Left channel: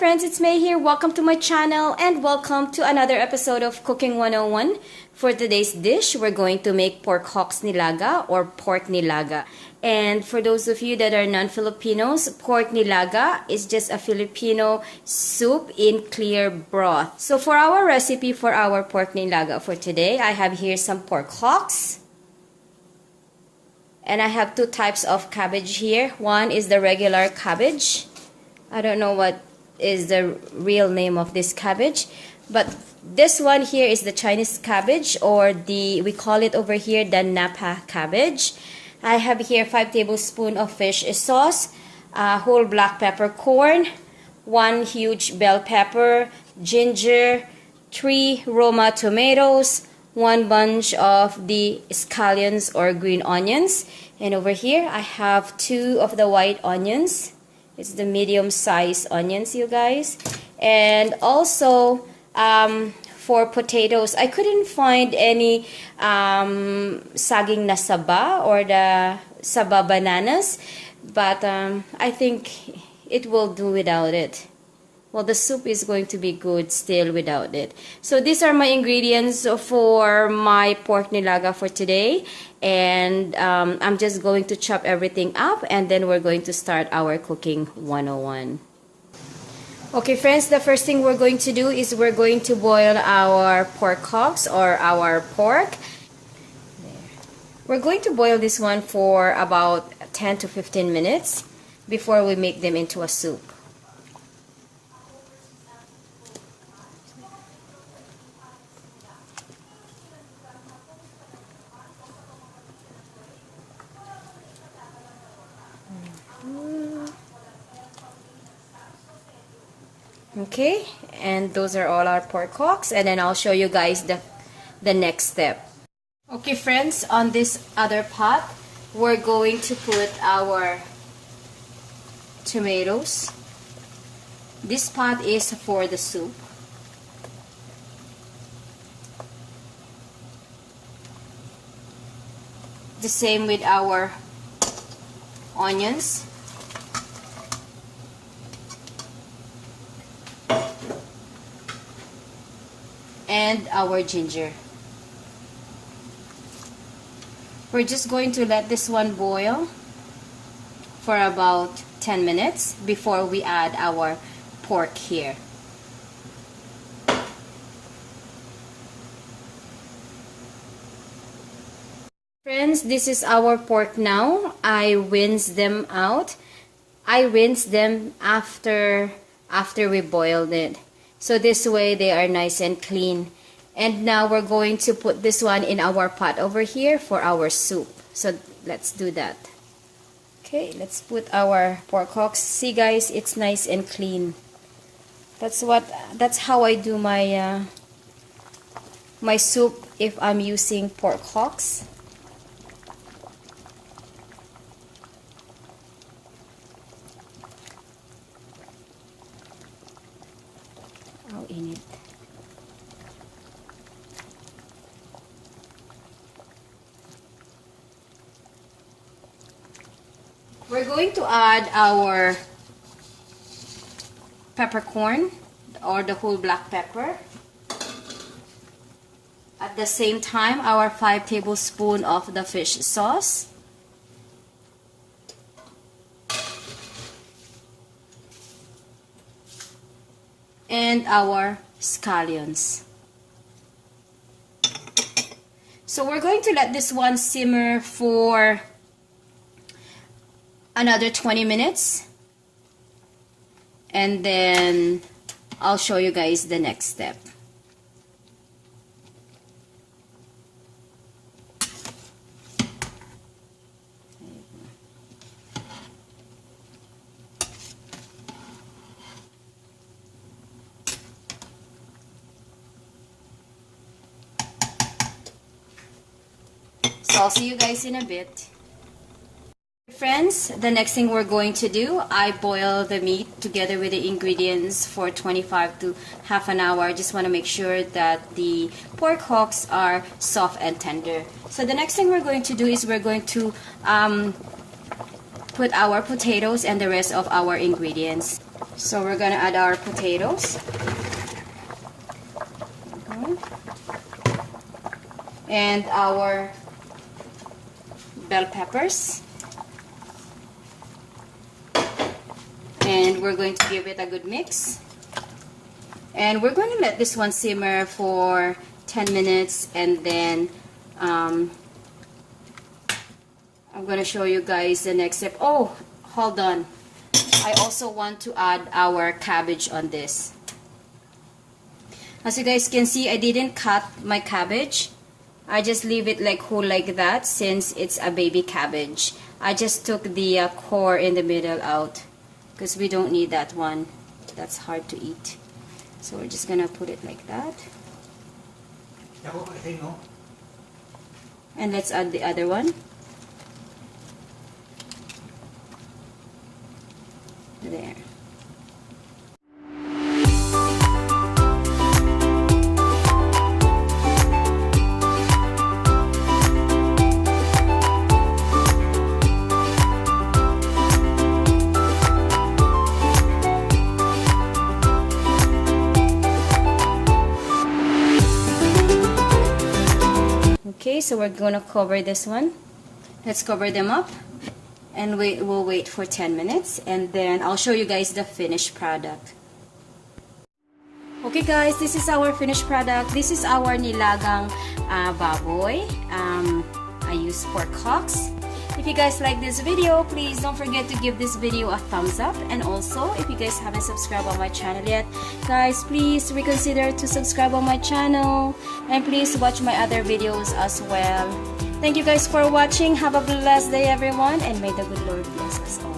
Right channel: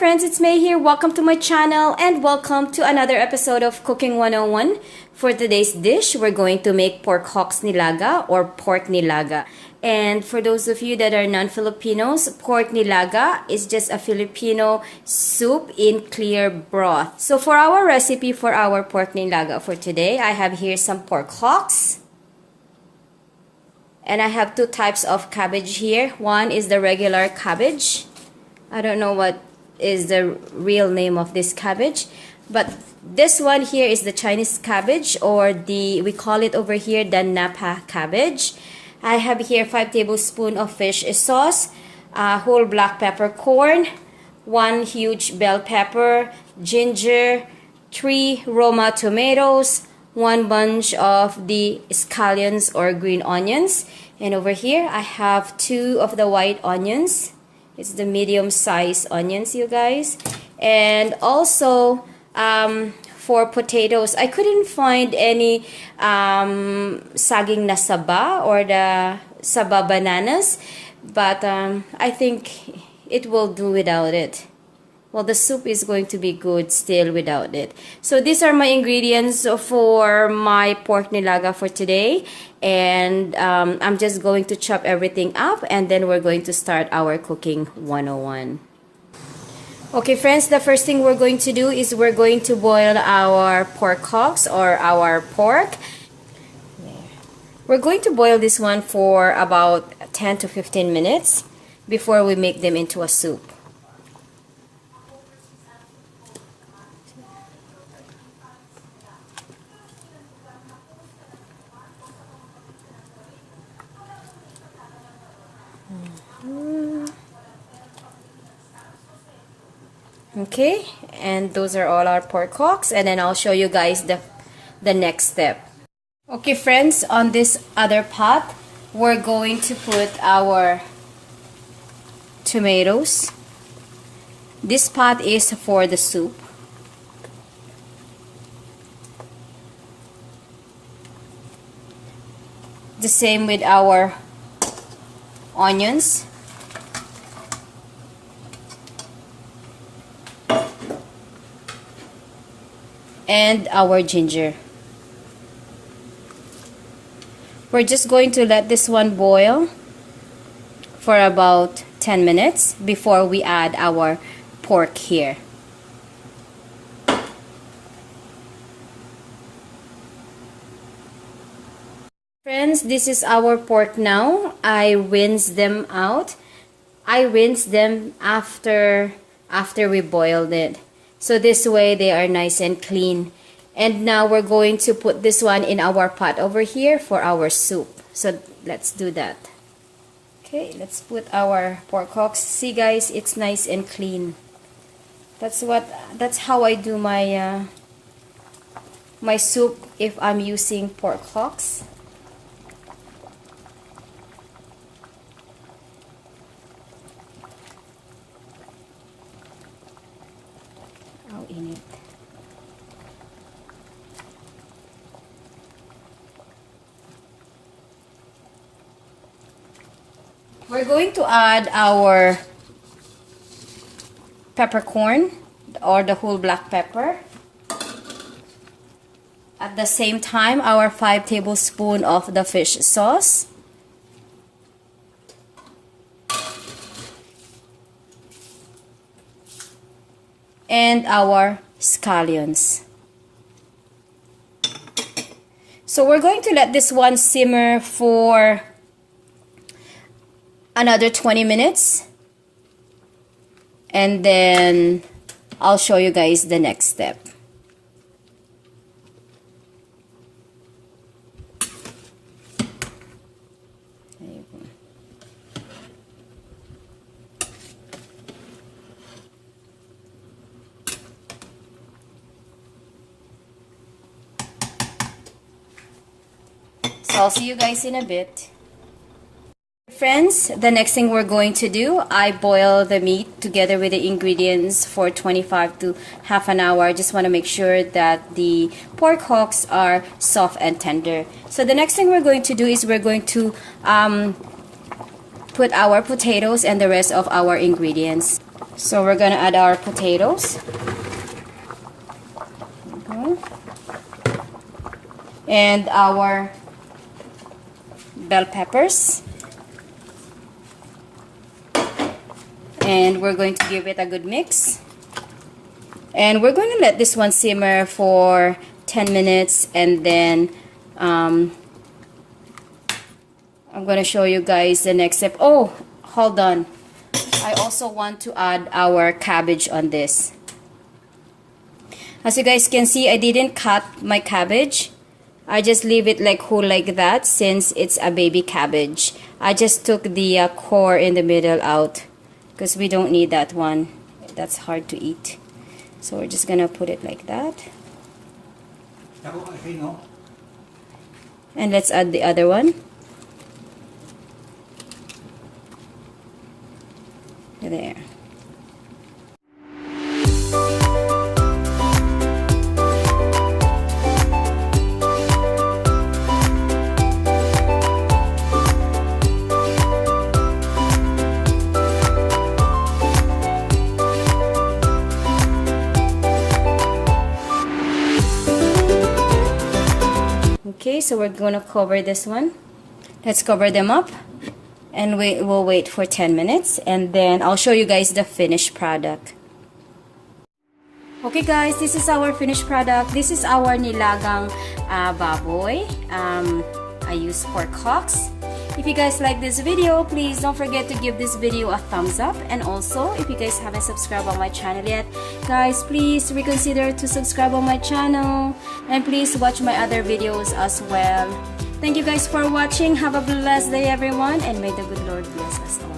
friends, it's May here. Welcome to my channel and welcome to another episode of Cooking 101. For today's dish, we're going to make pork hocks nilaga or pork nilaga. And for those of you that are non-Filipinos, pork nilaga is just a Filipino soup in clear broth. So for our recipe for our pork nilaga for today, I have here some pork hocks. And I have two types of cabbage here. One is the regular cabbage. I don't know what is the real name of this cabbage, but this one here is the Chinese cabbage, or we call it over here the Napa cabbage. I have here 5 tablespoons of fish sauce, whole black peppercorn, 1 huge bell pepper, ginger, 3 Roma tomatoes, 1 bunch of the scallions or green onions, and over here I have 2 of the white onions. It's the medium-sized onions, you guys. And also, for potatoes, I couldn't find any saging na saba or the saba bananas. But I think it will do without it. Well, the soup is going to be good still without it. So these are my ingredients for my pork nilaga for today. And I'm just going to chop everything up and then we're going to start our cooking 101. Okay friends, the first thing we're going to do is we're going to boil our pork hocks or our pork. We're going to boil this one for about 10 to 15 minutes before we make them into a soup. Okay, and those are all our pork hocks, and then I'll show you guys the next step. Okay friends, on this other pot we're going to put our tomatoes. This pot is for the soup. The same with our onions. And our ginger. We're just going to let this one boil for about 10 minutes before we add our pork here. Friends, this is our pork now. I rinsed them out. I rinsed them after we boiled it. So this way they are nice and clean. And now we're going to put this one in our pot over here for our soup. So let's do that. Okay, let's put our pork hocks. See guys, it's nice and clean. That's how I do my my soup if I'm using pork hocks. In it. We're going to add our peppercorn or the whole black pepper. At the same time, our 5 tablespoons of the fish sauce. And our scallions. So we're going to let this one simmer for another 20 minutes. And then I'll show you guys the next step. So I'll see you guys in a bit. Friends, the next thing we're going to do, I boil the meat together with the ingredients for 25 to half an hour. I just want to make sure that the pork hocks are soft and tender. So the next thing we're going to do is we're going to put our potatoes and the rest of our ingredients. So we're gonna add our potatoes. Okay. And our bell peppers. And we're going to give it a good mix. And we're going to let this one simmer for 10 minutes, and then I'm going to show you guys the next step. Oh, hold on. I also want to add our cabbage on this. As you guys can see, I didn't cut my cabbage. I just leave it like whole like that since it's a baby cabbage. I just took the core in the middle out because we don't need that one. That's hard to eat. So we're just gonna put it like that. And let's add the other one. There. Okay, so we're gonna cover this one. Let's cover them up, and we'll wait for 10 minutes, and then I'll show you guys the finished product. Okay guys, this is our finished product. This is our Nilagang Baboy. I use pork hocks. If you guys like this video, please don't forget to give this video a thumbs up. And also, if you guys haven't subscribed on my channel yet, guys, please reconsider to subscribe on my channel. And please watch my other videos as well. Thank you guys for watching. Have a blessed day everyone, and may the good Lord bless us all.